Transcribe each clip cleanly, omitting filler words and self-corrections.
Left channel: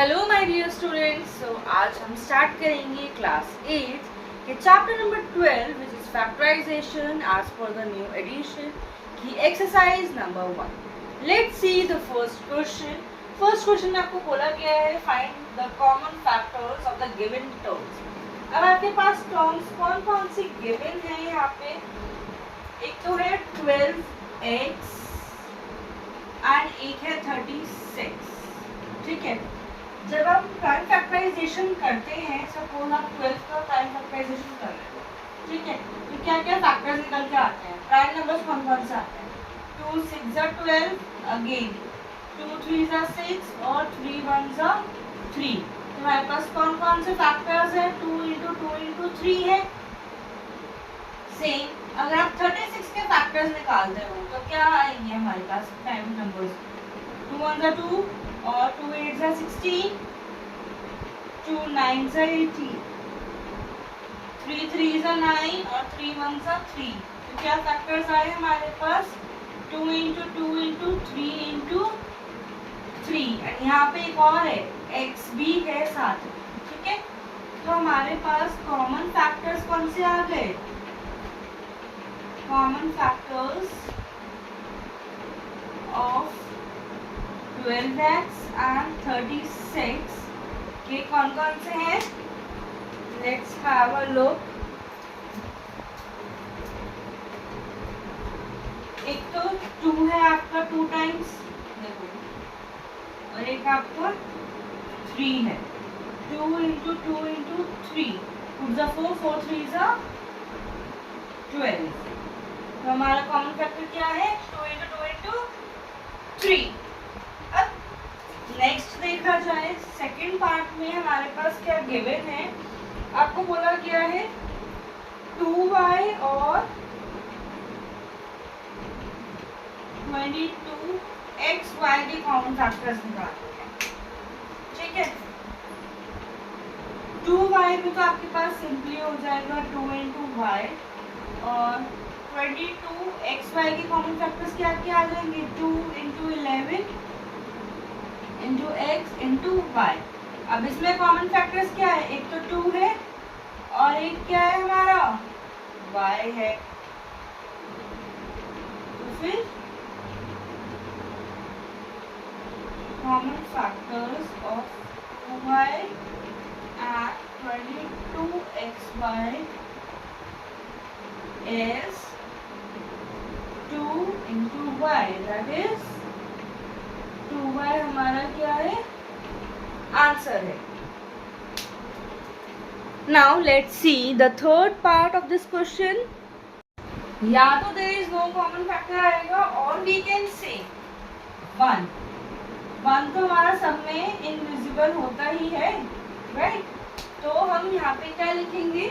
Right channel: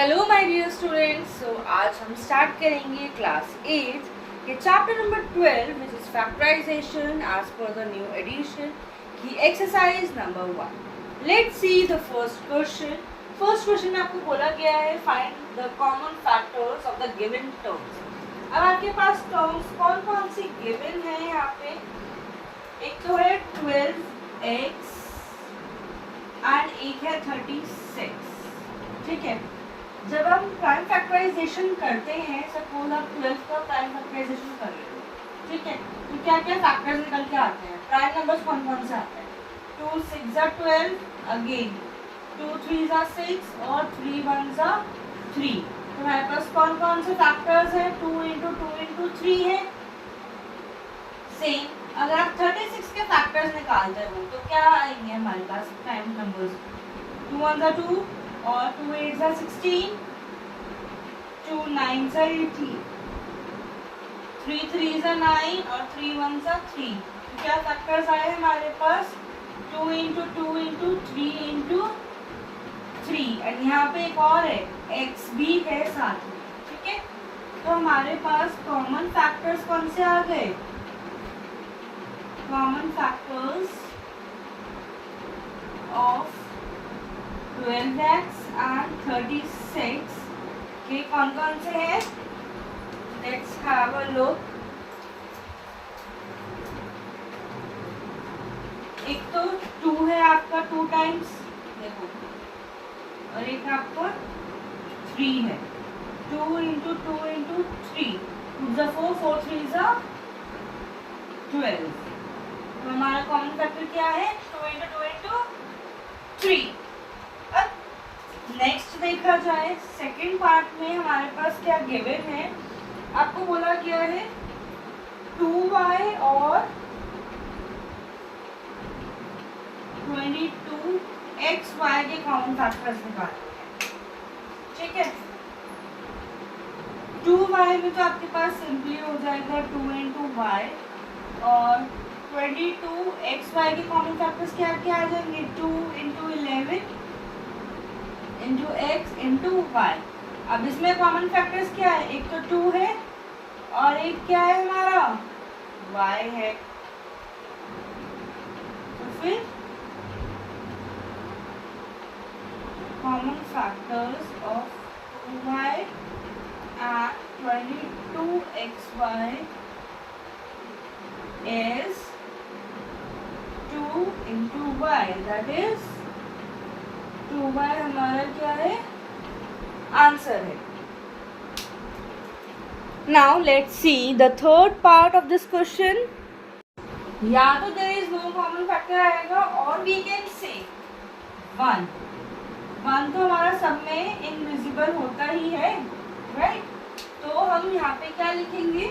Hello my dear students. So आज हम start करेंगे क्लास 8 के chapter number 12 which is factorisation as per the new edition की exercise number 1। Let's see the first question. First question में आपको बोला गया है find the common factors of the given terms. अब आपके पास टर्म्स कौन कौन सी गिवन है यहाँ पे। एक तो है 12x एंड एक है 36। ठीक है, जब हम प्राइम फैक्टराइजेशन करते हैं, सपोज आप 12 का प्राइम फैक्टराइजेशन कर रहे हो, ठीक है, तो क्या क्या फैक्टर्स निकल के आते हैं, प्राइम नंबर्स कौन कौन से आते हैं। 2 6 12, अगेन 2 3 6 और 3 1 3। तो हमारे पास कौन कौन से फैक्टर्स है, 2 इंटू 2 इंटू 3 है। सेम अगर आप 36 के फैक्टर्स निकालते हो तो क्या आएंगे हमारे पास प्राइम नंबर्स, 2 1 2 और 2 8 16, 2 9 18, 3 3 9 और 3 1 3। तो क्या फैक्टर्स आए हमारे पास, 2 इंटू 2 इंटू 3 इंटू 3। एंड यहाँ पे एक और है, x भी है साथ में। ठीक है, तो हमारे पास कॉमन फैक्टर्स कौन से आ गए, common factors of 12x and 36 के कौन कौन से हैं। Let's have a look. एक तो 2 है आपका 2 टाइम्स, देखो, और एक आपका 3 है, 2 इंटू 2 इंटू 3, 2 ज़ा 4, 4 3 ज़ा 12। तो हमारा कॉमन फैक्टर क्या है, 2 इंटू 2 इंटू 3। नेक्स्ट देखा जाए सेकंड पार्ट में हमारे पास क्या गिवन है, आपको बोला गया है 2y और 22xy के कॉमन फैक्टर्स निकालने हैं। ठीक है, 2y में तो आपके पास सिंपली हो जाएगा 2 इंटू वाई, और 22xy के कॉमन फैक्टर्स क्या क्या आ जाएंगे, 2 into 11 into X into Y. अब इसमें कॉमन फैक्टर्स क्या है, एक तो 2 है और एक क्या है हमारा y है। तो फिर common factors of 2y and 22xy is 2 into y, that is 2y हमारा क्या है, आंसर है। Now let's see the third part of this question. या तो there is no common factor आएगा और वी कैन से 1 तो हमारा सब में इनविजिबल होता ही है, राइट। तो हम यहाँ पे क्या लिखेंगे,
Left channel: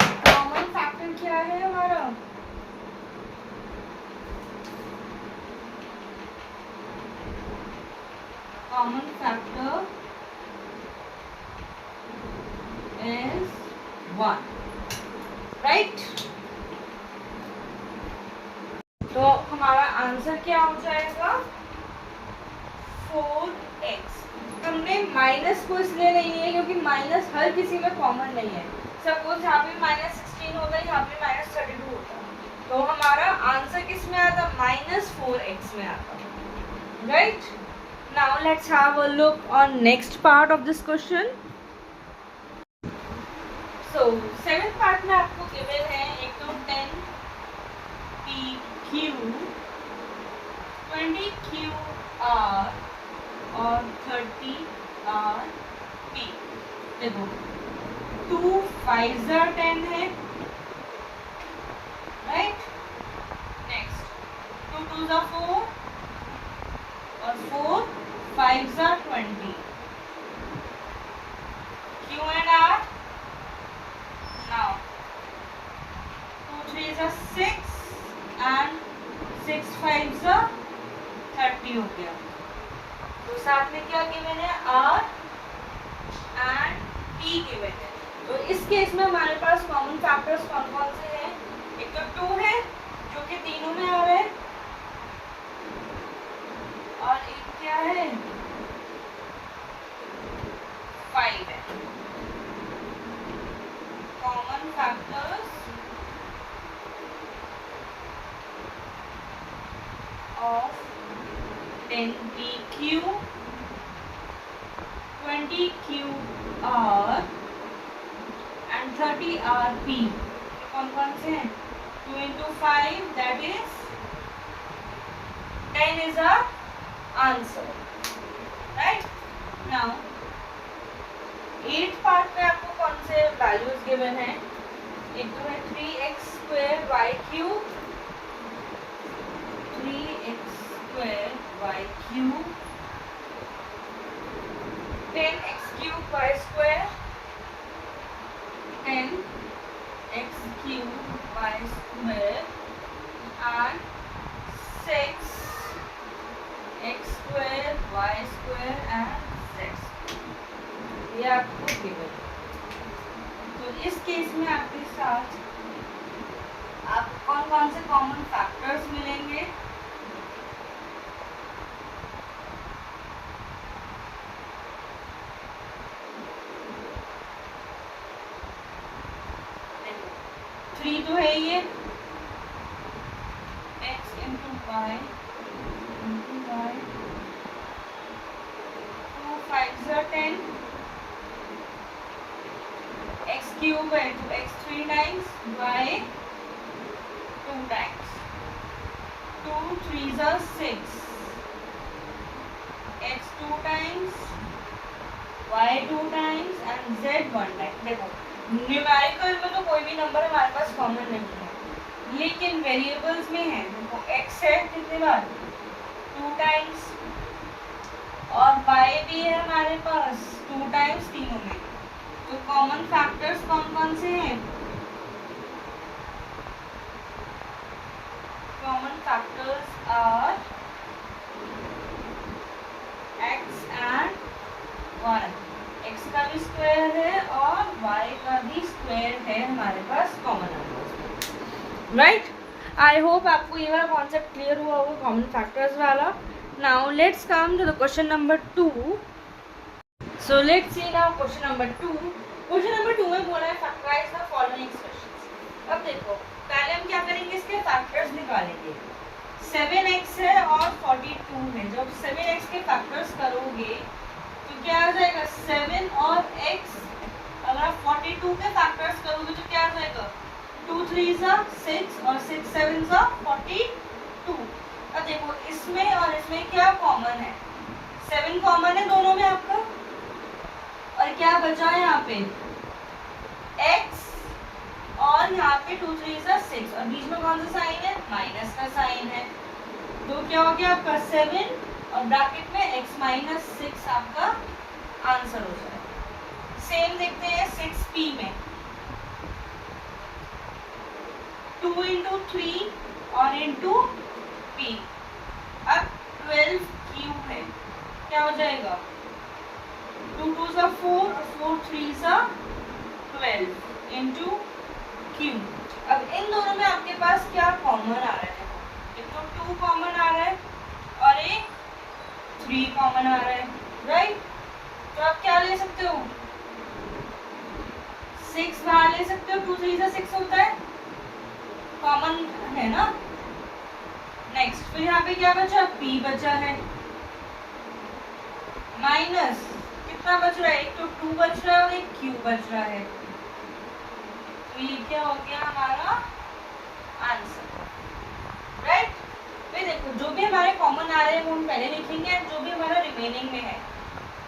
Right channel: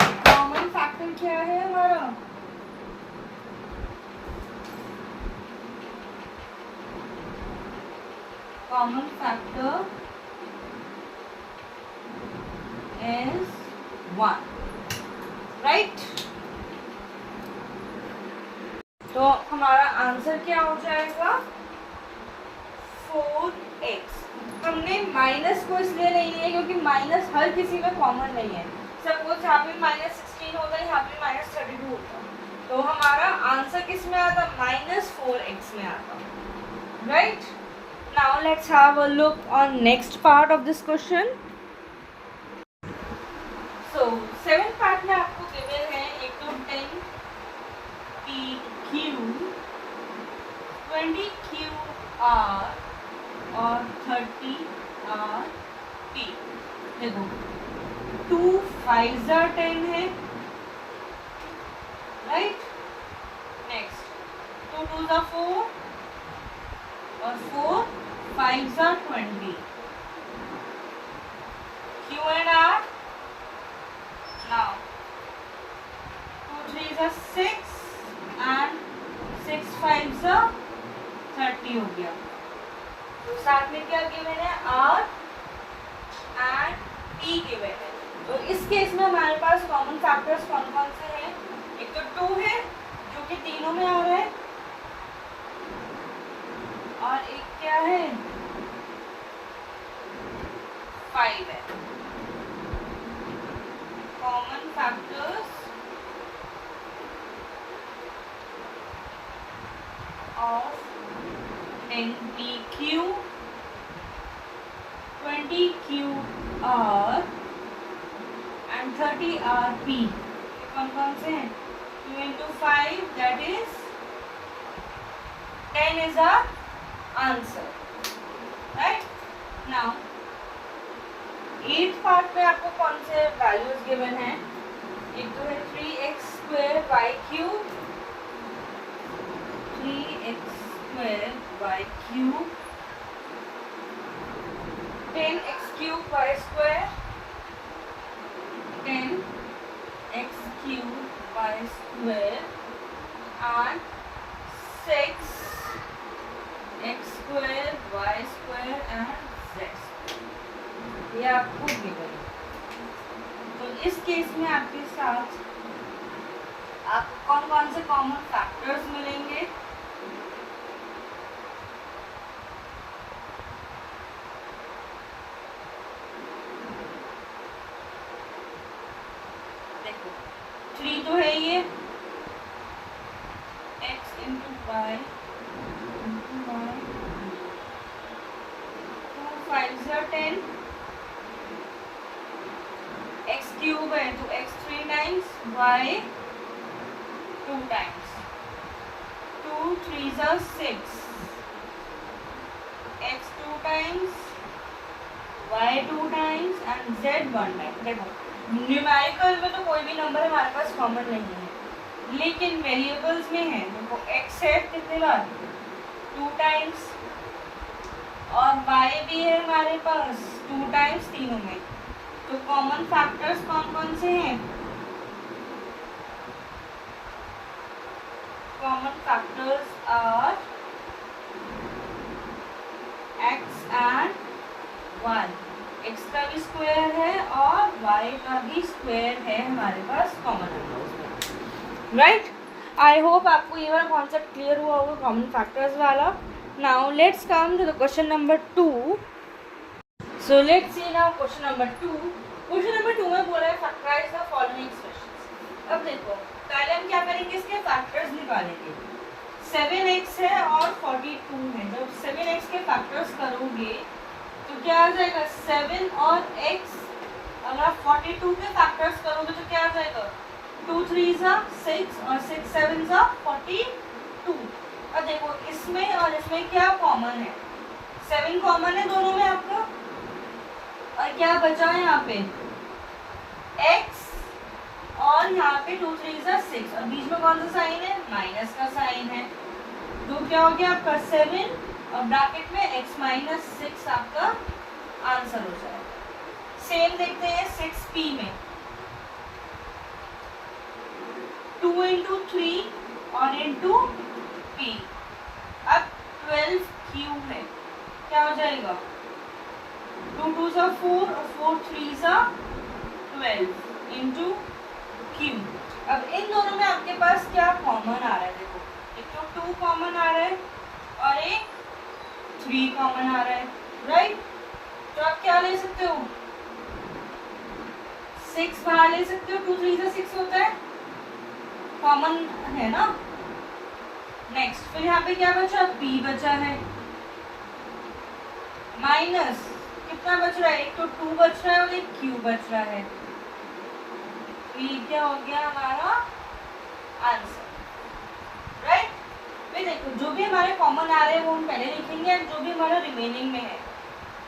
कॉमन फैक्टर क्या है हमारा, common factor is 1, right? तो हमारा आंसर क्या हो जाएगा, 4x। हमने माइनस को इसलिए नहीं लिया क्योंकि माइनस हर किसी में कॉमन नहीं है। सपोज यहाँ पे -16 होता है, यहाँ पे -32 होता, तो हमारा आंसर किस में आता, -4x में आता, right. Now let's have a look on next part of this question. So seventh part में आपको given है एक तो 10 PQ, 20 QR और 30 RP। देखो 2 5 ज़ा 10 है, राइट। नेक्स्ट 2 2 ज़ा 4 और 4 5 ज़ा 20, Q and R। Now 2 3 ज़ा 6 and 6 5 ज़ा 30 हो गया। तो साथ में क्या गिवन है, R एंड P गिवन है। तो इस केस में हमारे पास कॉमन फैक्टर्स कौन कौन से हैं, एक तो 2 है जो कि तीनों में आ रहा है, और एक क्या है, 5 है। Common factors of 10pq 20qr and 30rp कौन कौन से हैं? 2 into 5 that is 10 is our answer, right? Now 8th part में आपको कौन से वैल्यूज गिवन हैं? एक तो है 3x square y cube, 3x square y cube, 10x cube y square, 10x cube y square and 6x square y square and z square। ये आपको गिवन। तो इस केस में आपके साथ आपको कौन कौन से कॉमन फैक्टर्स मिलेंगे? देखो 3 तो है ये, x into y 2 5 are 10, x cube है तो x 3 times, y 2 times, 2 3s are 6, x 2 times, y 2 times and z 1 time। देखो न्यूमेरिकल में तो कोई भी नंबर हमारे पास कॉमन नहीं है, लेकिन वेरिएबल्स में है। देखो x है कितने बार, 2 टाइम्स, और y भी है हमारे पास 2 टाइम्स तीनों में। तो कॉमन फैक्टर्स कौन कौन से हैं? Common factors are x and y। x का भी स्क्वायर है और y का भी स्क्वायर है हमारे पास कॉमन नंबर्स में, राइट? आई होप आपको ये वाला कॉन्सेप्ट क्लियर हुआ होगा कॉमन फैक्टर्स वाला। Now let's come to the question number 2। So let's see now question number 2। Question number 2 में बोला है फैक्टराइज द फॉलोइंग एक्सप्रेशंस। अब देखो पहले हम क्या करेंगे, इसके फैक्टर्स निकालेंगे। 7x है और 42 है। जब 7x के फैक्टर्स करोगे तो क्या आ जाएगा, 7 और x। अगर आप 42 के फैक्टर्स करोगे तो क्या आ जाएगा, 2 3s are 6 और 6 7s are 42। अब देखो इसमें और इसमें क्या कॉमन है, 7 कॉमन है दोनों में आपका, और क्या बचा है यहाँ पे x, और यहाँ पे 2 3s are 6 और बीच में कौन सा साइन है, माइनस का साइन है। तो क्या हो गया आपका 7 और ब्रैकेट में x माइनस 6 आपका आंसर हो जाएगा। सेम देखते हैं 6p में, 2 into 3 और into p। अब 12q है, क्या हो जाएगा, 2 2s are 4 और 4 3s are 12 into q। अब इन दोनों में आपके पास क्या कॉमन आ रहा है, देखो एक तो 2 कॉमन आ रहा है और एक 3 कॉमन आ रहा है, राइट? तो आप क्या ले सकते हो, 6 बाहर ले सकते हो, 2 3 से 6 होता है, कॉमन है ना। नेक्स्ट फिर यहाँ पे क्या बचा, p बचा है, माइनस कितना बच रहा है, एक तो 2 बच रहा है और एक q बच रहा है। तो ये क्या हो गया हमारा आंसर, राइट? फिर देखो जो भी हमारे कॉमन आ रहे हैं वो हम पहले लिखेंगे, और जो भी हमारा रिमेनिंग में है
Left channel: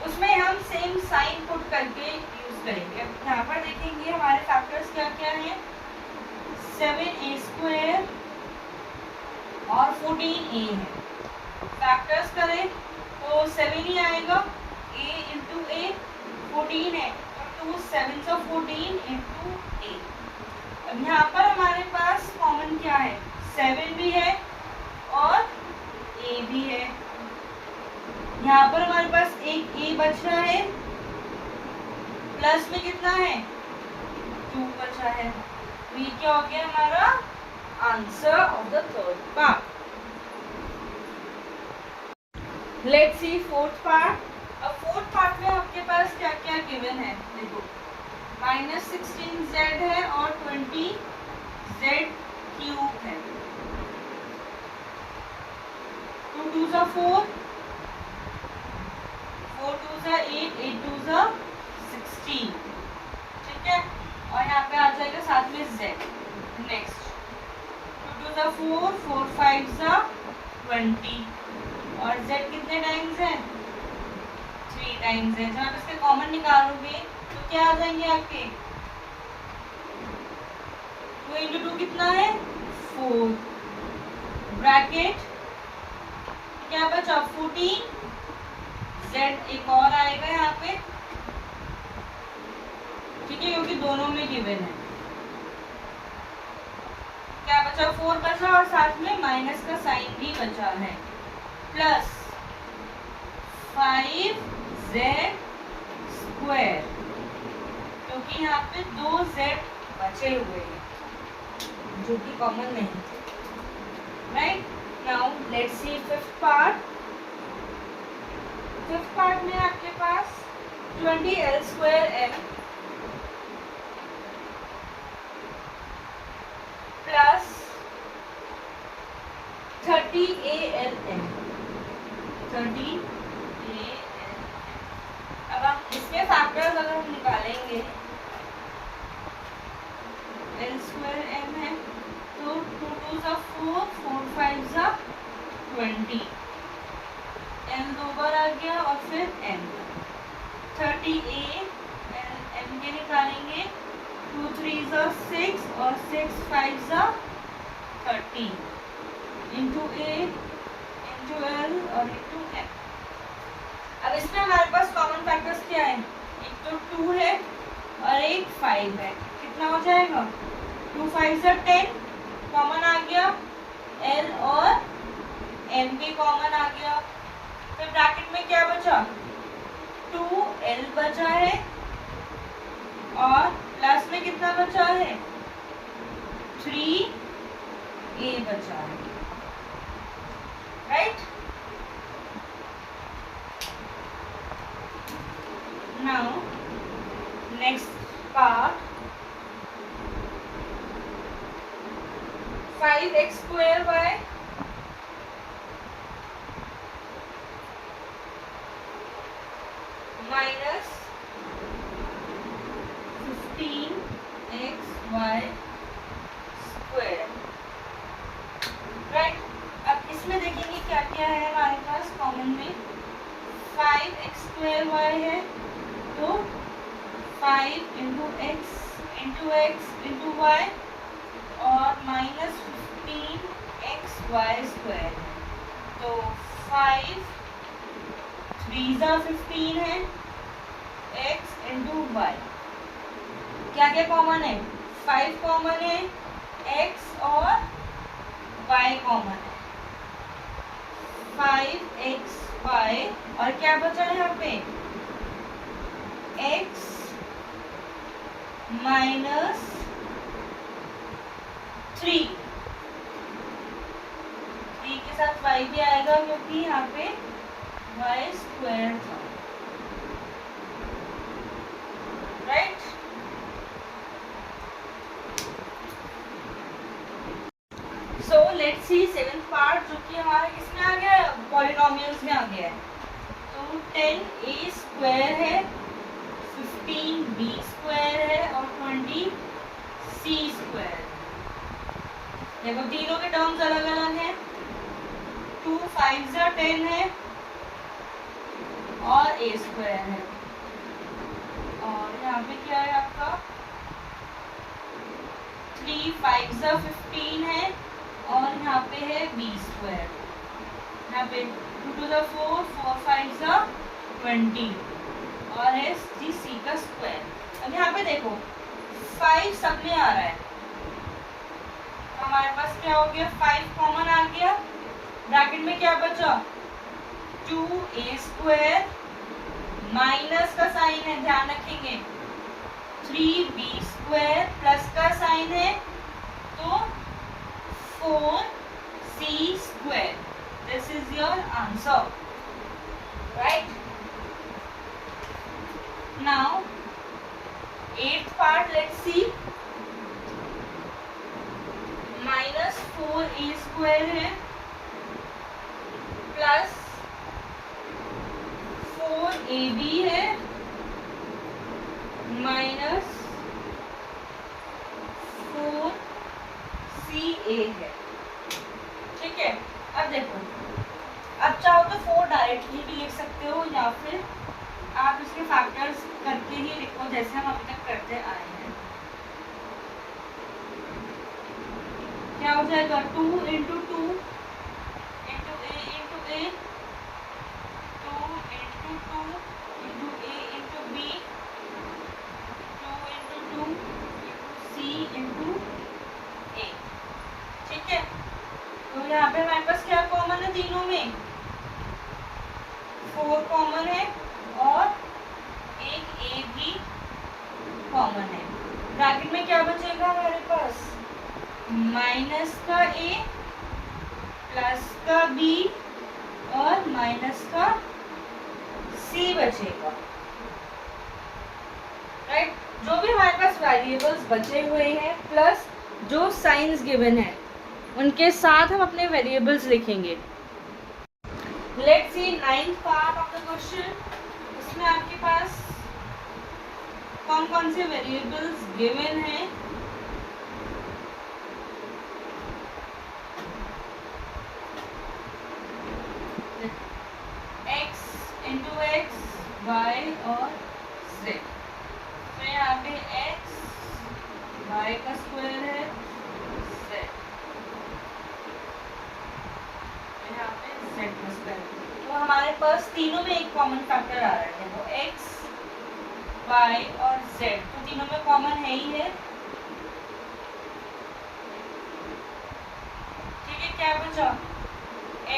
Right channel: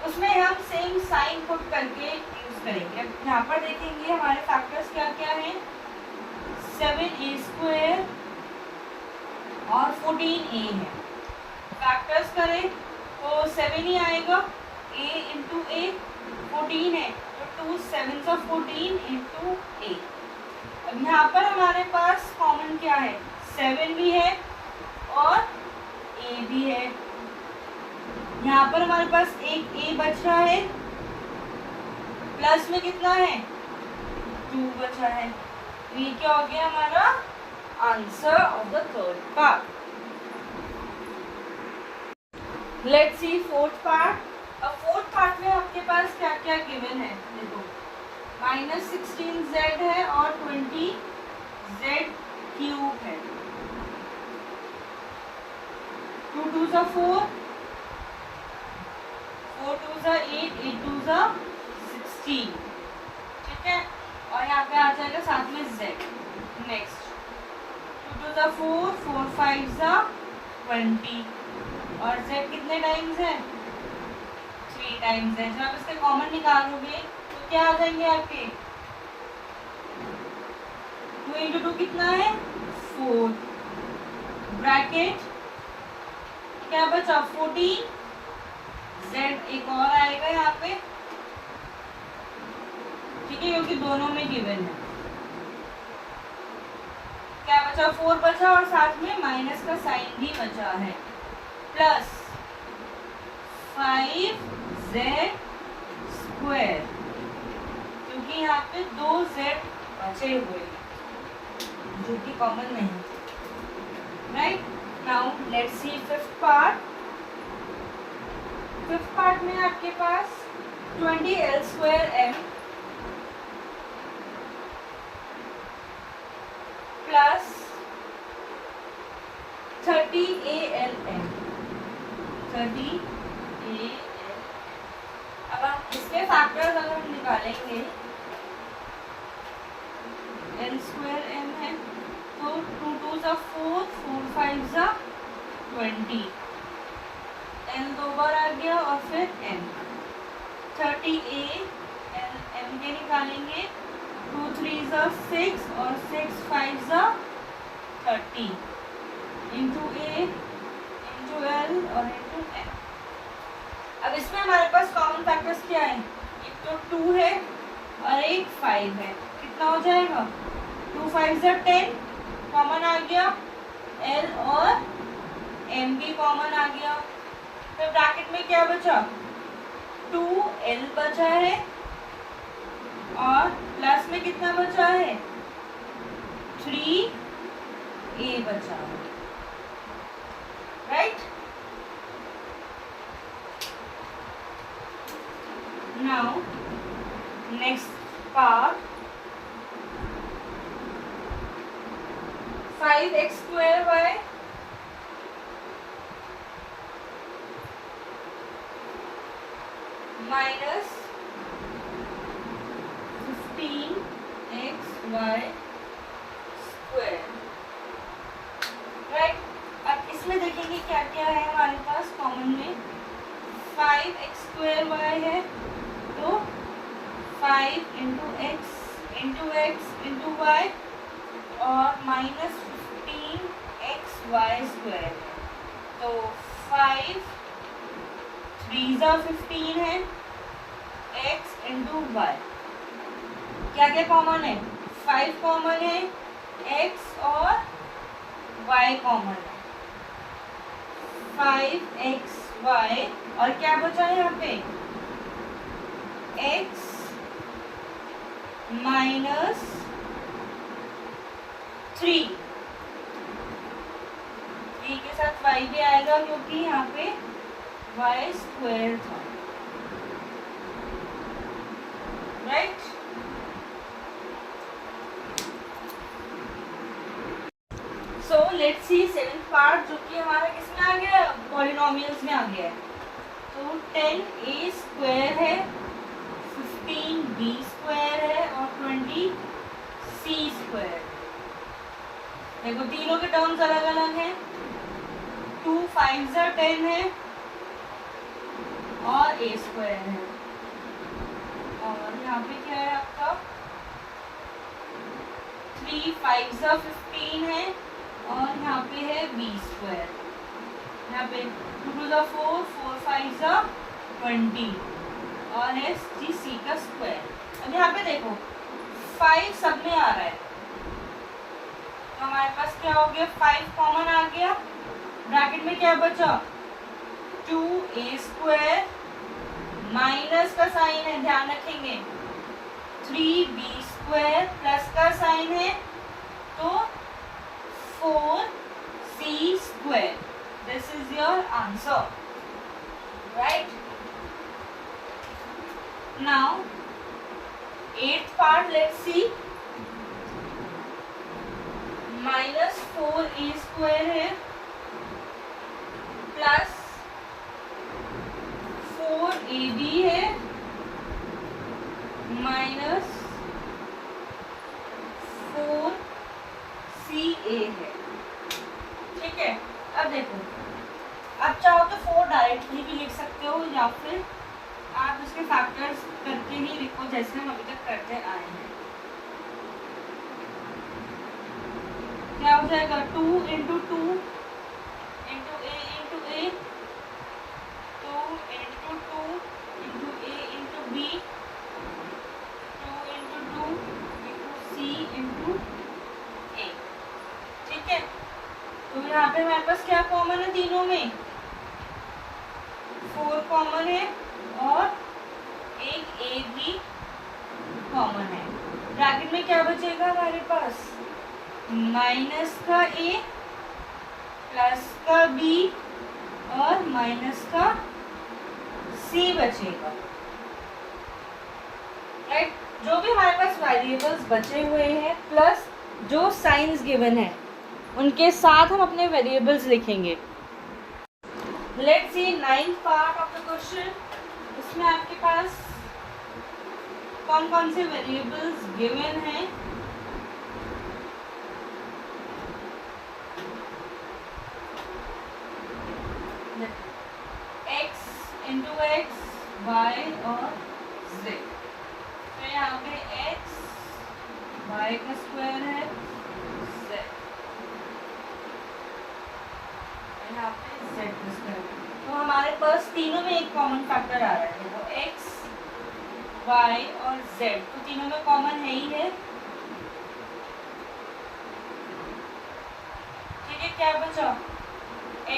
उसमें हम सेम साइन पुट करके यूज करेंगे। यहाँ पर देखेंगे हमारे फैक्टर्स क्या क्या हैं, 7a स्क्वायर और 14a है। फैक्टर्स करें तो 7 ही आएगा, a इंटू a 14 है तो 2 7s of 14 इंटू a। अब यहाँ पर हमारे पास कॉमन क्या है, 7 भी है और a भी है। यहाँ पर हमारे पास एक a बच रहा है, प्लस में कितना है, 2 बचा है। तो ये क्या हो गया हमारा answer of the third part. Let's C fourth part. अब फोर्थ पार्ट में आपके पास क्या क्या गिवन है, देखो -16z है और 20z³ है। 2 2 4, 4 2 8, 8 2 16, ठीक है। और यहाँ पे आ जाएगा साथ में z। नेक्स्ट 2 2 4, 4 5 20 और z कितने टाइम्स है, 3 टाइम्स है। जब आप इसके कॉमन निकालोगे तो क्या आ जाएंगे आपके, 2 इंटू 2 कितना है 4, ब्रैकेट क्या बचा 14, z एक और आएगा यहाँ पे, ठीक है, क्योंकि दोनों में गिवन है। क्या बचा 4 बचा और साथ में माइनस का साइन भी बचा है, प्लस 5z², क्योंकि यहाँ पे 2z बचे हुए हैं जो कि कॉमन नहीं थे, right. Now let's C fifth part. Fifth part में आपके पास 20l² प्लस 30 ALN। अब हम इसके फैक्टर्स अगर हम निकालेंगे, l² है तो 2 2 4, 4 5 20, n 2 बार आ गया और फिर n। 30 के निकालेंगे, 2 3 6 और 6 5 30 इंटू a इंटू l और इंटू n। अब इसमें हमारे पास कॉमन फैक्टर्स क्या है, एक तो 2 है और एक 5 है, कितना हो जाएगा 2 5 10, कॉमन आ गया, l और m भी कॉमन आ गया। फिर ब्रैकेट में क्या बचा, 2l बचा है और प्लस में कितना बचा है 3a बचा है, right. Now next part, 5x² minus 15xy², right. अब इसमें देखेंगे क्या क्या है हमारे पास कॉमन में, 5x² है तो 5 इंटू एक्स इंटू वाई और -15xy² है, तो 5 3 15 है, x इंटू वाई। क्या क्या कॉमन है, 5 कॉमन है, x और y कॉमन है, 5xy और क्या बचा है यहाँ पे x माइनस 3 के साथ y भी आएगा क्योंकि यहाँ पे y² था, right. So let's C seventh part, जो कि हमारा किसमें आ गया, पॉलिनोमियल्स में आ गया है। तो 10a² है, 15b² है और 20c²। देखो तीनों के टर्म्स अलग अलग हैं, 2 5 10 है और a² है, और यहाँ पे क्या है आपका 3 5 15 है और यहाँ पे है b²। यहाँ पे 2 2 4, 4 5 20 और है c² अब यहाँ पे देखो 5 सब में आ रहा है, तो हमारे पास क्या हो गया, 5 कॉमन आ गया, ब्रैकेट में क्या बचा 2a² माइनस का साइन है, ध्यान रखेंगे, 3b² प्लस का साइन है तो 4c²। This is your answer. right? Now, eighth part, let's see. Minus 4a² है प्लस 4ab है माइनस 4ca है। ठीक है, अब देखो, अब चाहो तो 4 डायरेक्टली भी लिख सकते हो या फिर आप इसके फैक्टर्स करके ही लिखो जैसे हम अभी तक करते आए हैं। क्या हो जाएगा 2 इंटू 2 इंटू ए इंटू ए, 2 इंटू 2 इंटू ए इंटू बी, 2 इंटू 2 इंटू सी इंटू ए। ठीक है, तो यहाँ पे हमारे पास क्या कॉमन है तीनों में, 4 कॉमन है और एक ए भी कॉमन है। ब्रैकेट में क्या बचेगा हमारे पास, माइनस का ए प्लस का बी और माइनस का सी बचेगा। राइट, जो भी हमारे पास वेरिएबल्स बचे हुए हैं प्लस जो साइंस गिवन है उनके साथ हम अपने वेरिएबल्स लिखेंगे। Let's C ninth part of the question. इसमें आपके पास कौन कौन से वेरिएबल्स गिवन हैं। x इंटू एक्स, वाई और z। तो यहाँ पे x y का स्क्वायर है, z यहाँ पे z का स्क्वायर। तो हमारे पास तीनों में एक कॉमन फैक्टर आ रहा है, वो x y और z, तो तीनों में कॉमन है ही है। ठीक है, क्या बचा,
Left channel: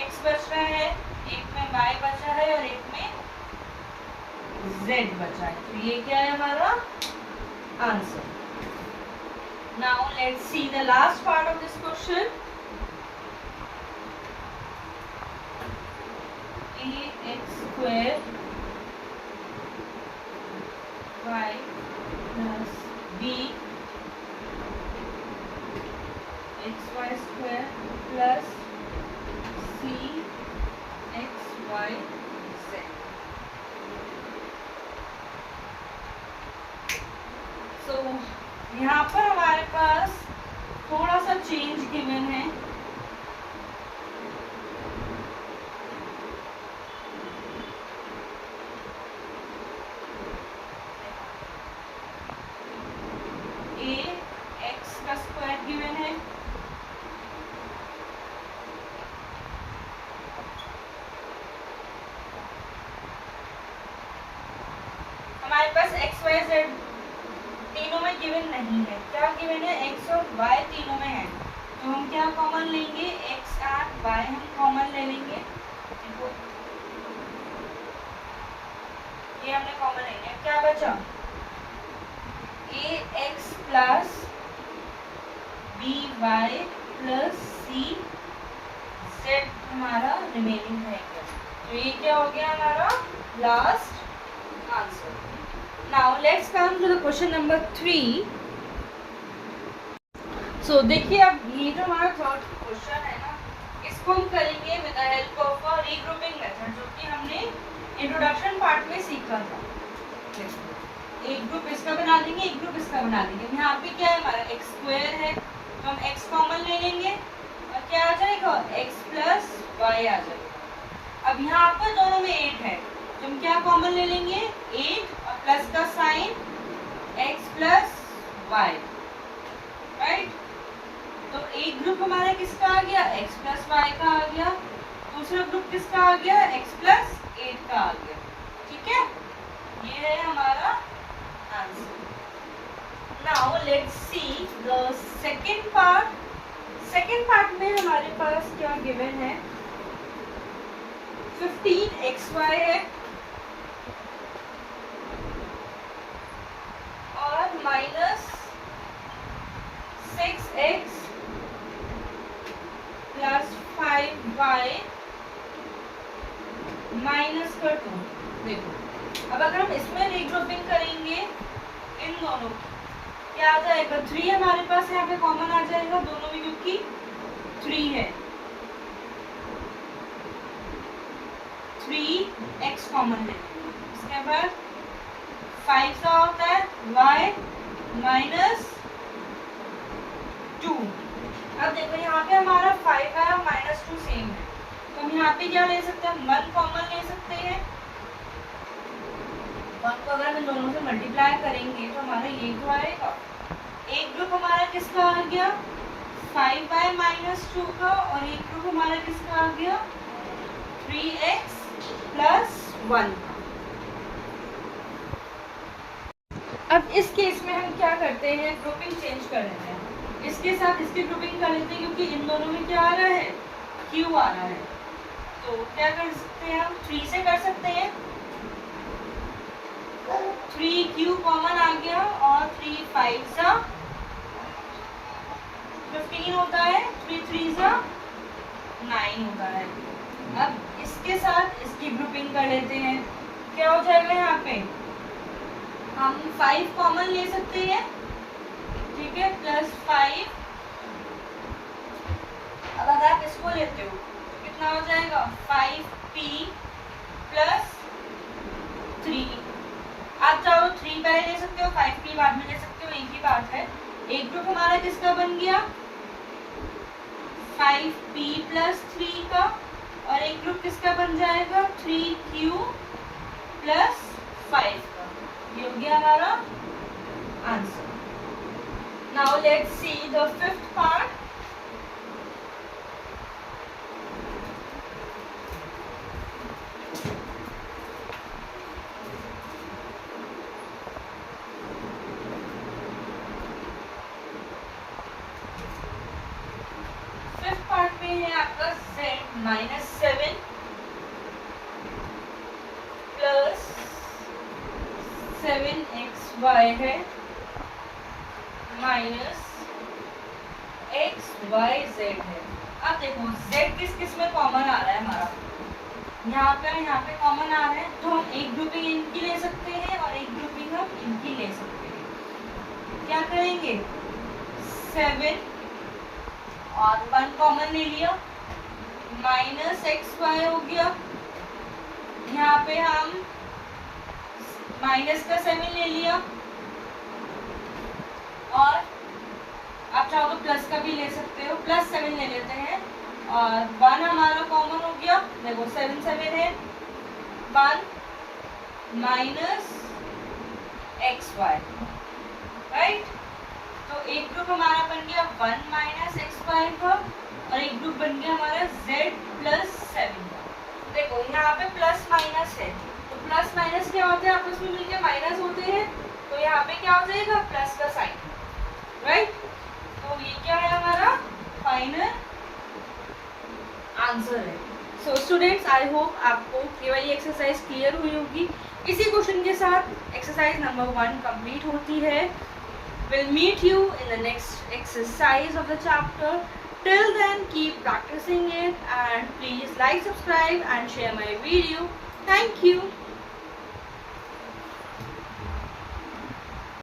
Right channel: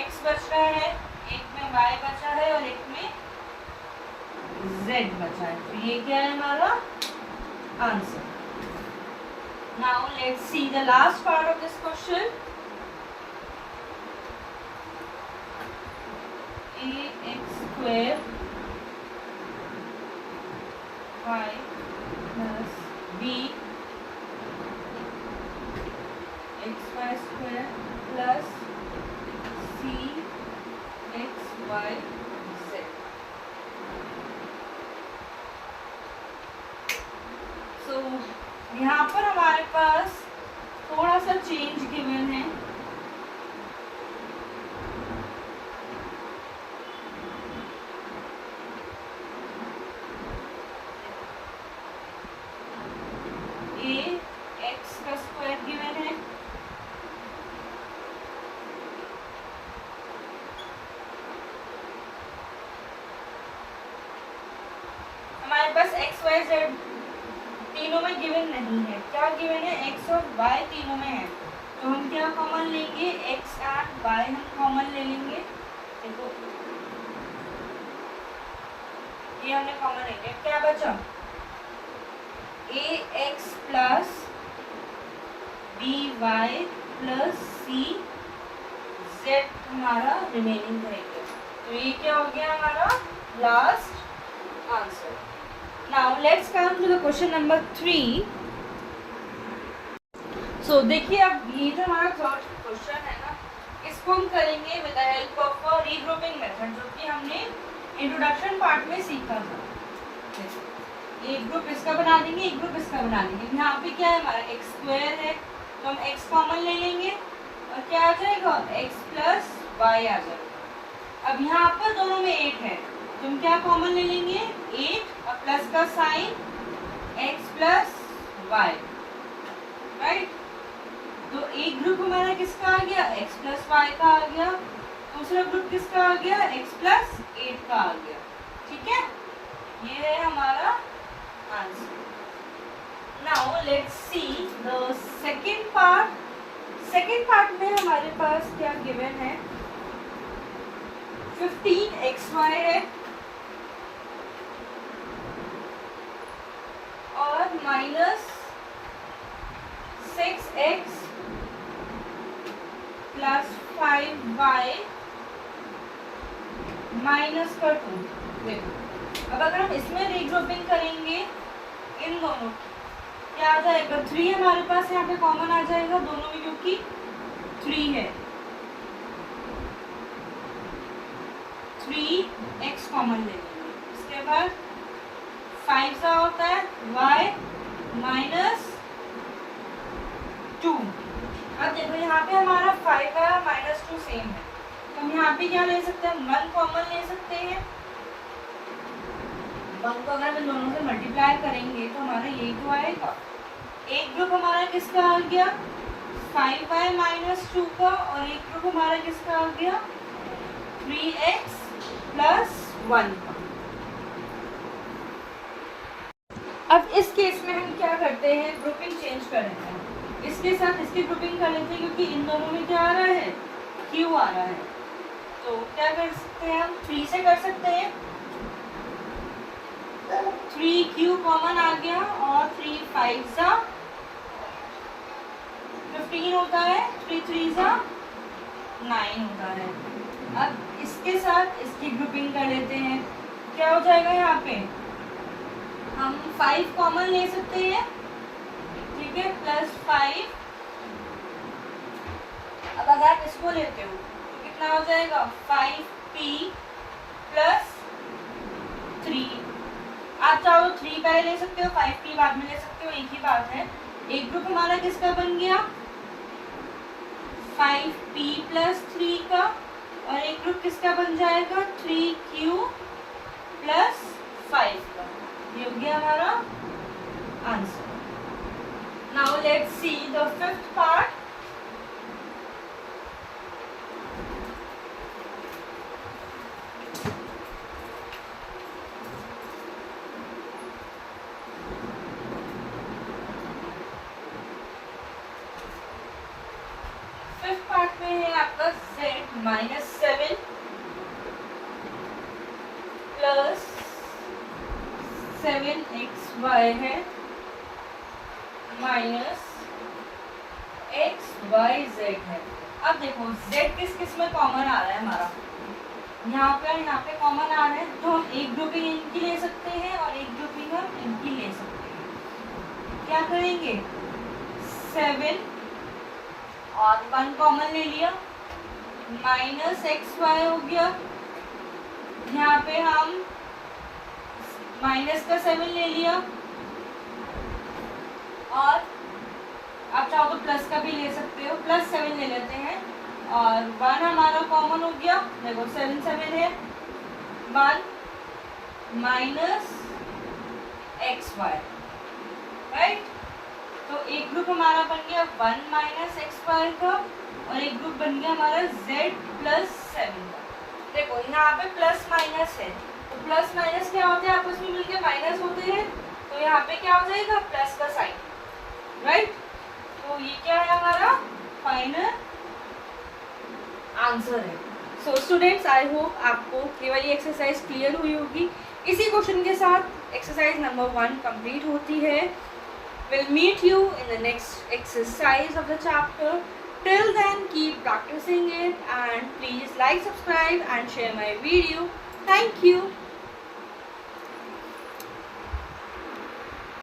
x बच रहा है, एक में y बचा है और एक में z बचा है। तो ये क्या है हमारा answer. Now let's see the last part of this question. ax² y plus b xy² plus c x y z। सो यहाँ पर हमारे पास थोड़ा सा चेंज गिवन है। a x का स्क्वायर गिवन है, हमारे पास x y z तीनों में गिवन नहीं है। क्या गिवन है, x और y तीनों में है, तो हम क्या कॉमन लेंगे, x एंड y हम कॉमन ले लेंगे। देखो ये हमने कॉमन ले लिया, क्या बचा, ax plus by plus c z हमारा रिमेनिंग रहेगा। तो ये क्या हो गया हमारा last answer. Now let's come to the question number 3। So देखिए, अब ये जो हमारा थर्ड क्वेश्चन है ना, इसको हम करेंगे with the help of regrouping method, जो कि हमने इंट्रोडक्शन पार्ट में सीखा था। एक ग्रुप इसका बना देंगे, एक ग्रुप इसका बना देंगे। यहाँ पे क्या है हमारा x² है, तो हम x कॉमन ले लेंगे और क्या आ जाएगा, x प्लस y आ जाएगा। अब यहाँ पर दोनों में 8 है, तो हम क्या कॉमन ले लेंगे, 8 और प्लस का sign x plus y। Right, तो एक ग्रुप हमारा किसका आ गया, x प्लस y का आ गया, दूसरा ग्रुप किसका आ गया, x प्लस 8 का आ गया। ठीक है, ये है हमारा answer. Now let's see the second part. Second part में हमारे पास क्या गिवन है, 15xy है और minus 6x plus 5y minus का 2। देखो अब अगर हम इसमें रीग्रुपिंग करेंगे इन दोनों, क्या आ जाएगा, 3 हमारे पास यहाँ पे कॉमन आ जाएगा दोनों में, क्योंकि 3 है, 3x कॉमन ले लेंगे। इसके बाद 5 सा होता है y माइनस 2। अब देखो यहाँ पे हमारा 5 है और माइनस 2 सेम है, तो हम यहाँ पे क्या ले सकते हैं, 1 कॉमन ले सकते हैं। 1 को अगर हम दोनों से मल्टीप्लाई करेंगे तो हमारा ये तो आएगा। एक ग्रुप हमारा किसका आ गया, 5y माइनस 2 का, और एक ग्रुप हमारा किसका आ गया, 3x प्लस 1 का। अब इस केस में हम क्या करते हैं, ग्रुपिंग चेंज कर रहे हैं, इसके साथ इसकी ग्रुपिंग कर लेते हैं, क्योंकि इन दोनों में क्या आ रहा है, q आ रहा है। तो क्या कर सकते हैं हम, 3 से कर सकते हैं, 3q कॉमन आ गया, और 3 5 सा 15 होता है, 3 3 सा 9 होता है। अब इसके साथ इसकी ग्रुपिंग कर लेते हैं, क्या हो जाएगा, यहाँ पे हम 5 कॉमन ले सकते हैं, ठीक है, प्लस 5। अब अगर आप इसको लेते हो तो कितना हो जाएगा, 5p प्लस 3। आप चाहो तो 3 पहले ले सकते हो, 5p बाद में ले सकते हो, एक ही बात है। एक ग्रुप हमारा किसका बन गया, 5p प्लस 3 का, और एक ग्रुप किसका बन जाएगा, 3q प्लस 5 का। ये हो गया हमारा answer. Now let's see the fifth part. Fifth part में है आपका z माइनस 7 प्लस 7xy है माइनस xyz है। अब देखो z किस किस में कॉमन आ रहा है हमारा, यहाँ पे कॉमन आ रहा है, तो हम एक ग्रुपिंग इनकी ले सकते हैं और एक ग्रुपिंग हम इनकी ले सकते हैं। क्या करेंगे, 7 और 1 कॉमन ले लिया, माइनस xy हो गया, यहाँ पे हम माइनस का 7 ले लिया, और आप चाहो तो प्लस का भी ले सकते हो, प्लस 7 ले लेते हैं, और 1 हमारा कॉमन हो गया। देखो 7 7 है, 1 माइनस xy, राइट। तो एक ग्रुप हमारा बन गया 1 माइनस xy का, और एक ग्रुप बन गया हमारा z प्लस 7 का। देखो यहाँ पे प्लस माइनस है, तो प्लस माइनस क्या होते हैं, आपस में मिलके माइनस होते हैं, तो यहाँ पे क्या हो जाएगा, प्लस का साइन, राइट। तो ये क्या है, हमारा फाइनल आंसर है। सो स्टूडेंट्स, आई होप आपको ये वाली एक्सरसाइज क्लियर हुई होगी। इसी क्वेश्चन के साथ एक्सरसाइज नंबर 1 कंप्लीट होती है। Will meet you in the next exercise of the chapter. Till then, keep practicing it, and please like, subscribe and share my video. Thank you.